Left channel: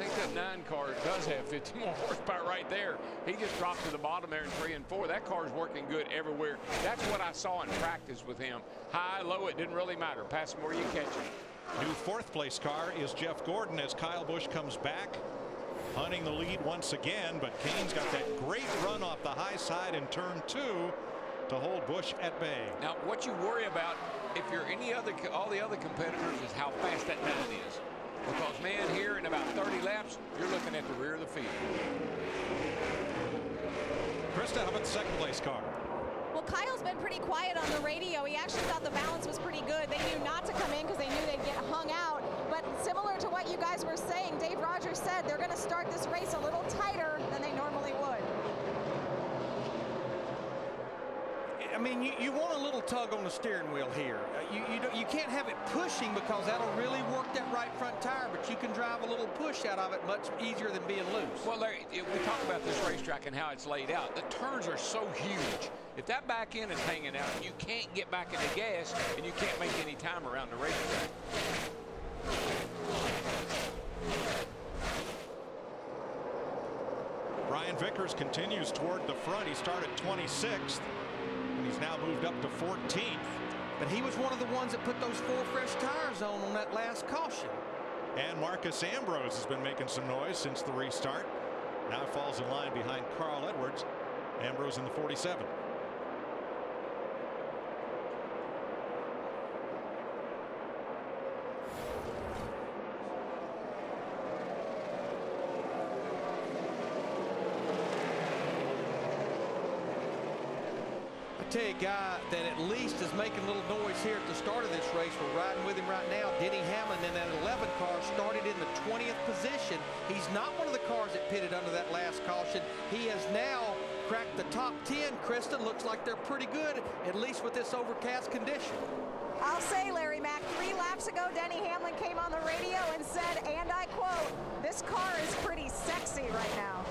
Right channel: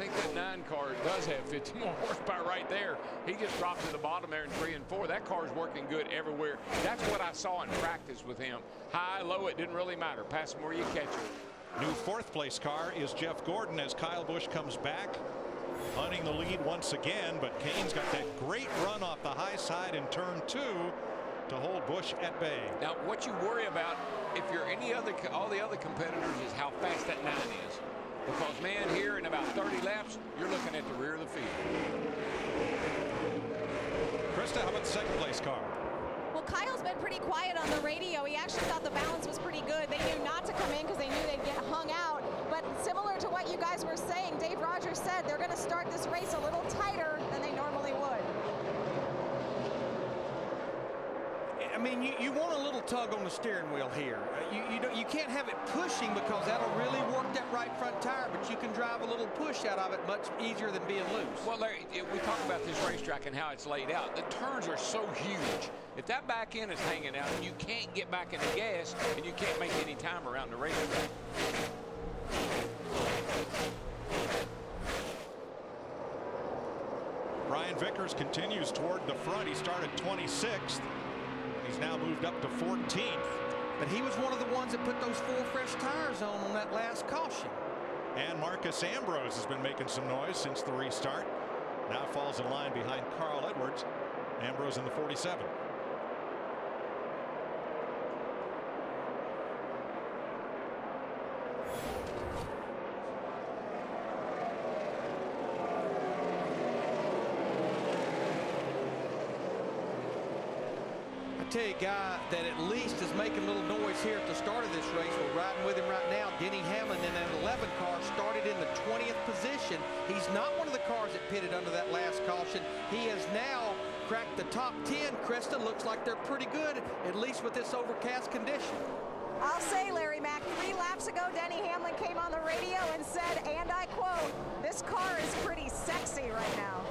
think that 9 car does have 50 more horsepower right there. He just dropped to the bottom there in 3 and 4. That car is working good everywhere. That's what I saw in practice with him. High, low, it didn't really matter. Pass him where you catch him. New 4th place car is Jeff Gordon as Kyle Busch comes back, hunting the lead once again. But Kane's got that great run off the high side in turn 2 to hold Busch at bay. Now, what you worry about if you're all the other competitors is how fast that 9 is. Because, man, here in about 30 laps, you're looking at the rear of the field. Krista, how about the 2nd place car? Well, Kyle's been pretty quiet on the radio. He actually thought the balance was pretty good. They knew not to come in because they knew they'd get hung out. But similar to what you guys were saying, Dave Rogers said they're going to start this race a little tighter than they normally would. I mean, you want a little tug on the steering wheel here. You can't have it pushing because that'll really work that right front tire, but you can drive a little push out of it much easier than being loose. Well, Larry, we talk about this racetrack and how it's laid out. The turns are so huge. If that back end is hanging out, you can't get back in the gas and you can't make any time around the racetrack. Brian Vickers continues toward the front. He started 26th. And he's now moved up to 14th. But he was one of the ones that put those 4 fresh tires on that last caution. And Marcus Ambrose has been making some noise since the restart. Now falls in line behind Carl Edwards. Ambrose in the 47. Tell you a guy that at least is making a little noise here at the start of this race. We're riding with him right now. Denny Hamlin in that 11 car started in the 20th position. He's not one of the cars that pitted under that last caution. He has now cracked the top 10. Krista, looks like they're pretty good, at least with this overcast condition. I'll say, Larry Mack, 3 laps ago, Denny Hamlin came on the radio and said, and I quote, "This car is pretty sexy right now."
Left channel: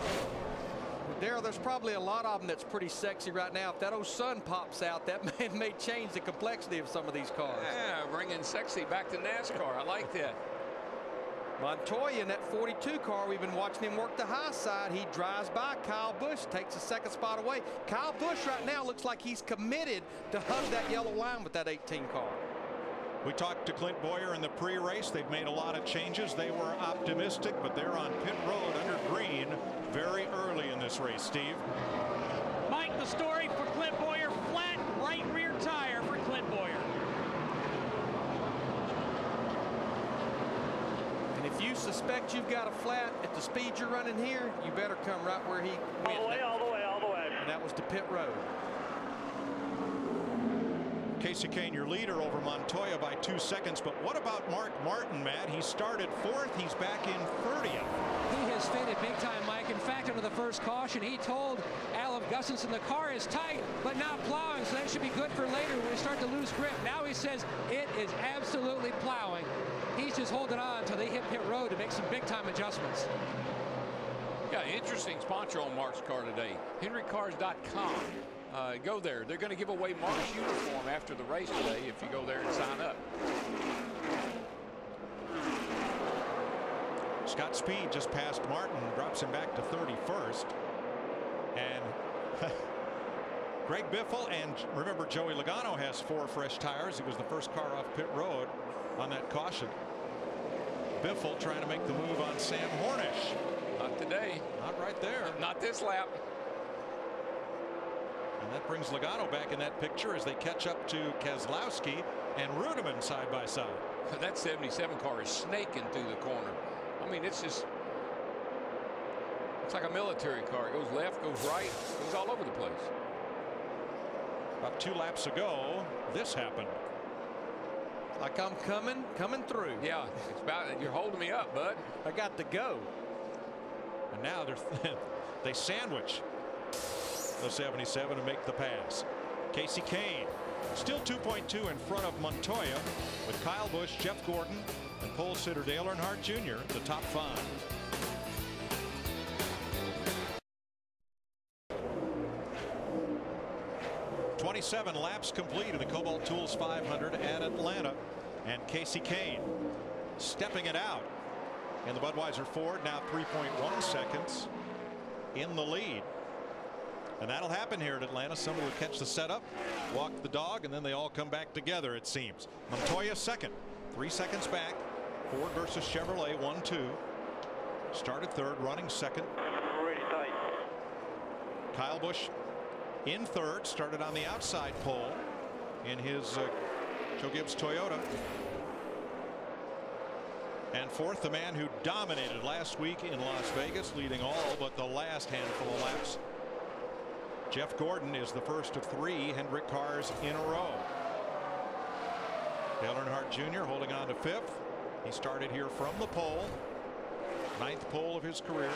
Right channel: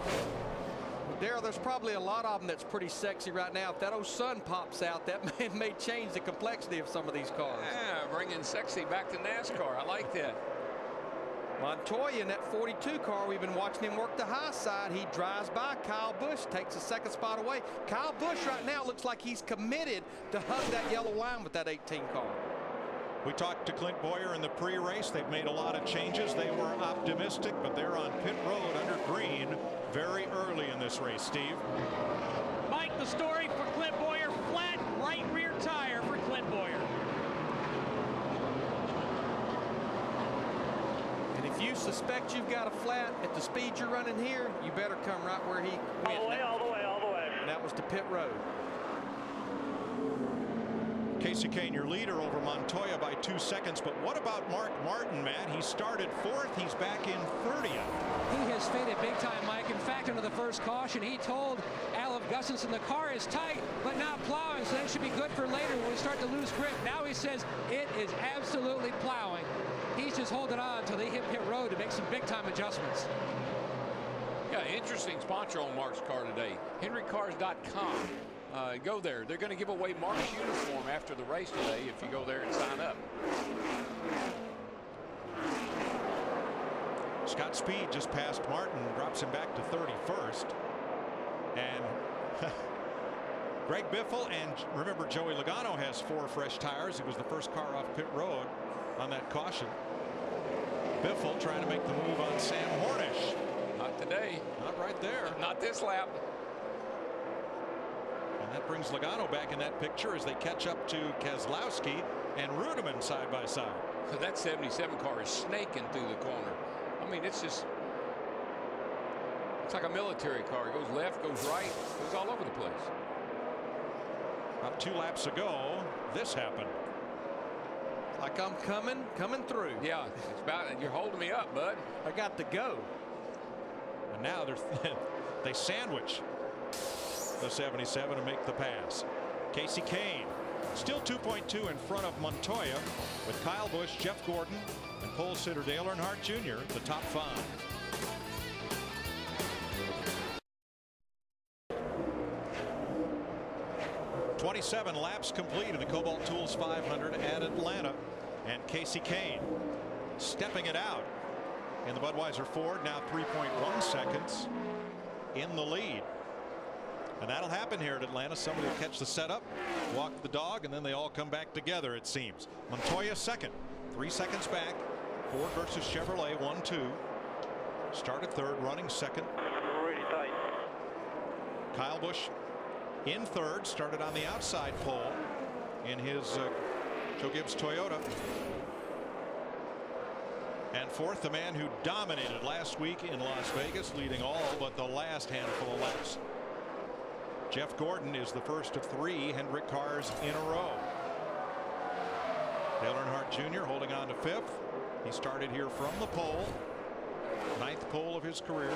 Darrell, there's probably a lot of them that's pretty sexy right now. If that old sun pops out, that may change the complexity of some of these cars. Yeah, bringing sexy back to NASCAR. I like that. Montoya in that 42 car, we've been watching him work the high side. He drives by Kyle Busch, takes the 2nd spot away. Kyle Busch right now looks like he's committed to hug that yellow line with that 18 car. We talked to Clint Boyer in the pre-race. They've made a lot of changes. They were optimistic, but they're on pit road under green very early in this race. Steve? Mike, the story for Clint Boyer, flat right rear tire for Clint Boyer. And if you suspect you've got a flat at the speed you're running here, you better come right where he went. All the way. And that was to pit road. Casey Kane, your leader over Montoya by 2 seconds. But what about Mark Martin, Matt? He started 4th. He's back in 30th. He has faded big time, Mike. In fact, under the first caution, he told Al Gustafson the car is tight, but not plowing, so that should be good for later when we start to lose grip. Now he says it is absolutely plowing. He's just holding on until they hit pit road to make some big time adjustments. Yeah, interesting sponsor on Mark's car today. HenryCars.com. Go there. They're going to give away Mark's uniform after the race today if you go there and sign up. Scott Speed just passed Martin, drops him back to 31st. And Greg Biffle, and remember Joey Logano has 4 fresh tires. He was the first car off pit road on that caution. Biffle trying to make the move on Sam Hornish. Not today. Not right there. Not this lap. And that brings Logano back in that picture as they catch up to Keselowski and Rudiman side by side. That 77 car is snaking through the corner. I mean, it's like a military car. It goes left, goes right, goes all over the place. About 2 laps ago, this happened. Like I'm coming through. Yeah, it's about, you're holding me up, bud. I got to go. And now they sandwich the 77 and make the pass. Casey Kane still 2.2 in front of Montoya, with Kyle Busch, Jeff Gordon, and pole sitter Dale Earnhardt Jr. the top 5. "27 laps complete in the Kobalt Tools 500 at Atlanta, and Casey Kane stepping it out in the Budweiser Ford, now 3.1 seconds in the lead. And that'll happen here at Atlanta. Somebody will catch the setup, walk the dog, and then they all come back together, it seems. Montoya second, 3 seconds back. Ford versus Chevrolet, 1-2. Started third, running second. Really tight. Kyle Busch in third, started on the outside pole in his Joe Gibbs Toyota. And fourth, the man who dominated last week in Las Vegas, leading all but the last handful of laps. Jeff Gordon is the first of 3 Hendrick cars in a row. Dale Earnhardt Jr. holding on to fifth. He started here from the pole, 9th pole of his career.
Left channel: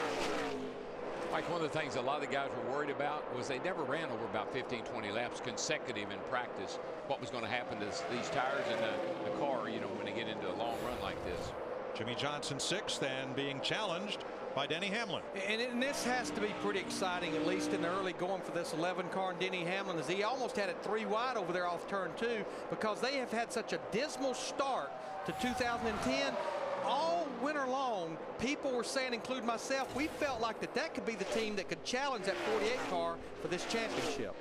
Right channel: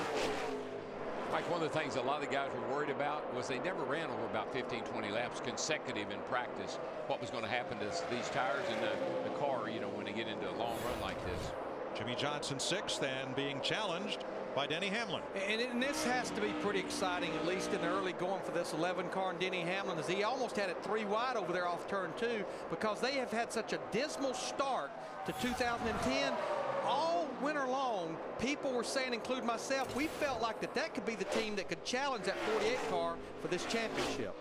Mike, one of the things a lot of the guys were worried about was they never ran over about 15-20 laps consecutive in practice. What was going to happen to these tires and the car, you know, when they get into a long run like this. Jimmy Johnson 6th and being challenged by Denny Hamlin. And this has to be pretty exciting, at least in the early going for this 11 car. And Denny Hamlin, as he almost had it 3 wide over there off turn 2, because they have had such a dismal start to 2010. All winter long, people were saying, including myself, we felt like that could be the team that could challenge that 48 car for this championship.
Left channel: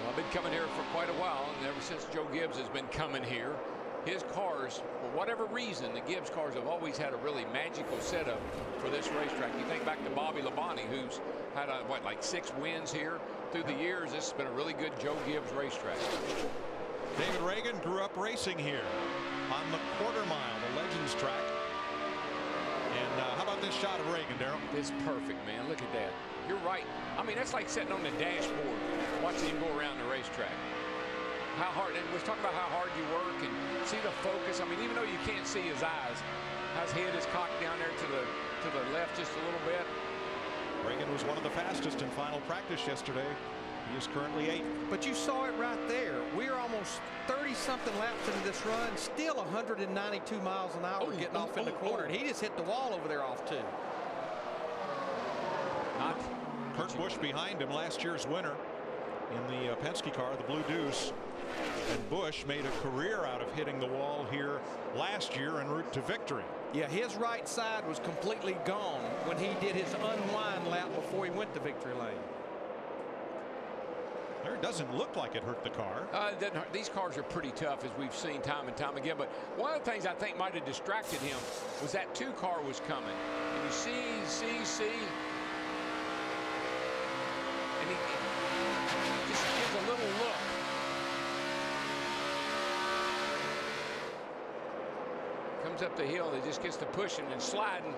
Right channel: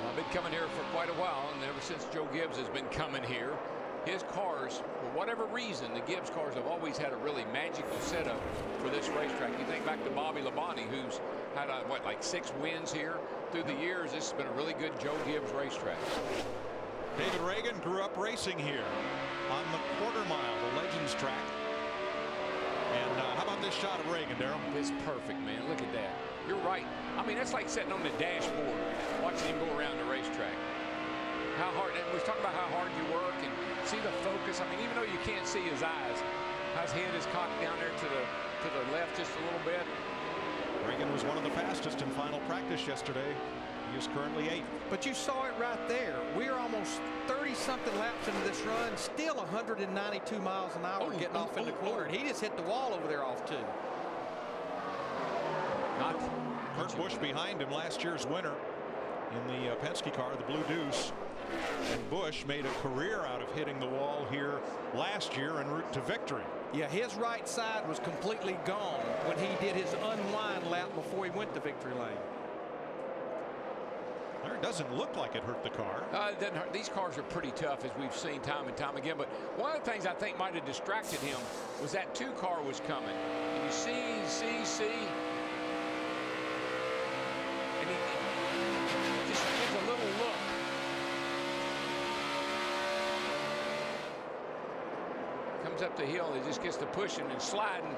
Well, I've been coming here for quite a while, and ever since Joe Gibbs has been coming here, his cars, for whatever reason, the Gibbs cars have always had a really magical setup for this racetrack. You think back to Bobby Labonte, who's had what, like 6 wins here through the years. This has been a really good Joe Gibbs racetrack. David Reagan grew up racing here on the quarter mile, the Legends track. And how about this shot of Reagan, Darrell? It's perfect, man. Look at that. You're right. I mean, that's like sitting on the dashboard watching him go around the racetrack. How hard, and we're talking about how hard you work and see the focus. I mean, even though you can't see his eyes, his head is cocked down there to the left just a little bit. Reagan was one of the fastest in final practice yesterday. He is currently 8th. But you saw it right there. We're almost 30-something laps into this run, still 192 miles an hour getting off in the corner. And he just hit the wall over there off 2. Not Kurt Busch behind him, last year's winner in the Penske car, the Blue Deuce. And Busch made a career out of hitting the wall here last year en route to victory. Yeah, his right side was completely gone when he did his unwind lap before he went to victory lane. It doesn't look like it hurt the car. It doesn't hurt. These cars are pretty tough, as we've seen time and time again. But one of the things I think might have distracted him was that 2 car was coming. And you see. And he just gives a little look. Comes up the hill, he just gets to pushing and sliding.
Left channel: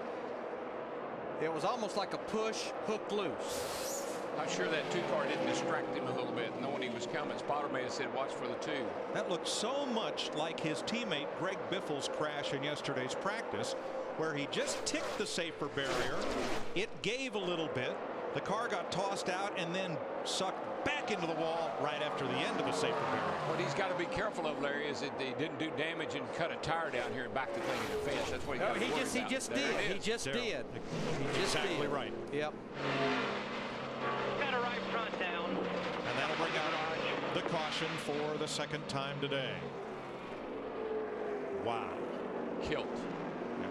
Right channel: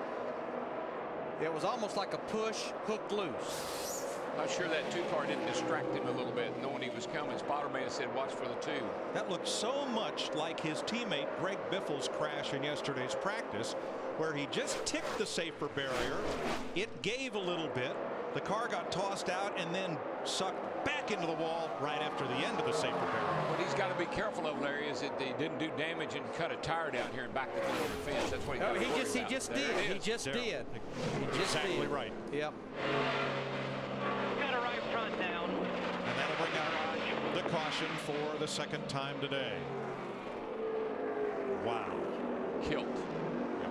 It was almost like a push, hook loose. Not sure that 2 car didn't distract him a little bit, knowing he was coming. Spotter may have said, watch for the 2. That looked so much like his teammate Greg Biffle's crash in yesterday's practice, where he just ticked the safer barrier. It gave a little bit. The car got tossed out and then sucked back into the wall right after the end of the safer barrier. What he's got to be careful of, Larry, is that he didn't do damage and cut a tire down here and back the thing in the fence. That's what he got to worry about. He just did. He just did. Exactly right. Yep. Got a right front down. And that'll bring out the caution for the 2nd time today. Wow. Kilt. Yep.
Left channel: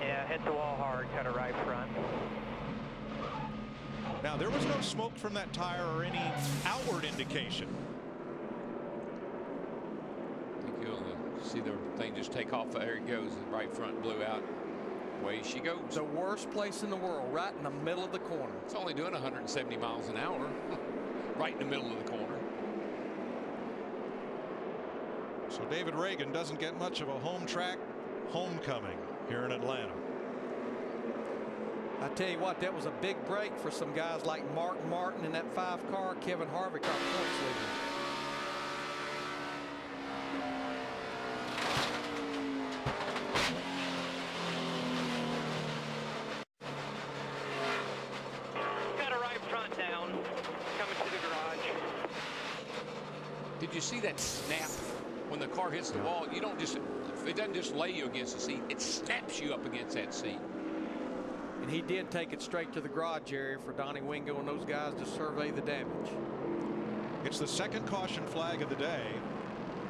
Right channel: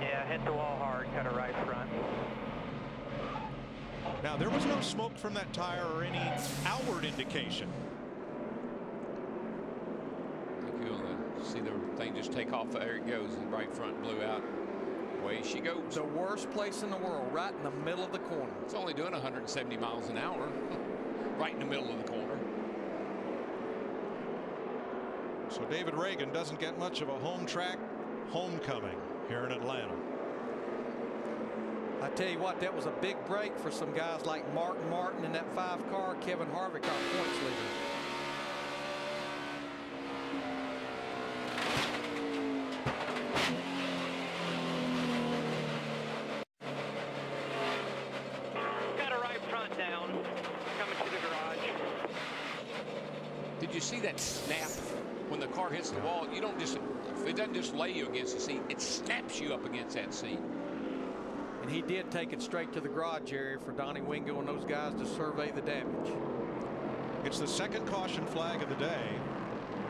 Yeah, hit the wall hard, cut a right front. Now, there was no smoke from that tire or any outward indication. I think you'll see the thing just take off. There it goes. The right front blew out. Away she goes. The worst place in the world, right in the middle of the corner. It's only doing 170 miles an hour. Right in the middle of the corner. So David Reagan doesn't get much of a home track homecoming here in Atlanta. I tell you what, that was a big break for some guys like Martin Martin in that 5 car, Kevin Harvick, our points leader. Got a right front down, coming to the garage. Did you see that snap when the car hits the wall? You don't just, it doesn't just lay you against the seat, it snaps you up against that seat. And he did take it straight to the garage area for Donnie Wingo and those guys to survey the damage. It's the second caution flag of the day.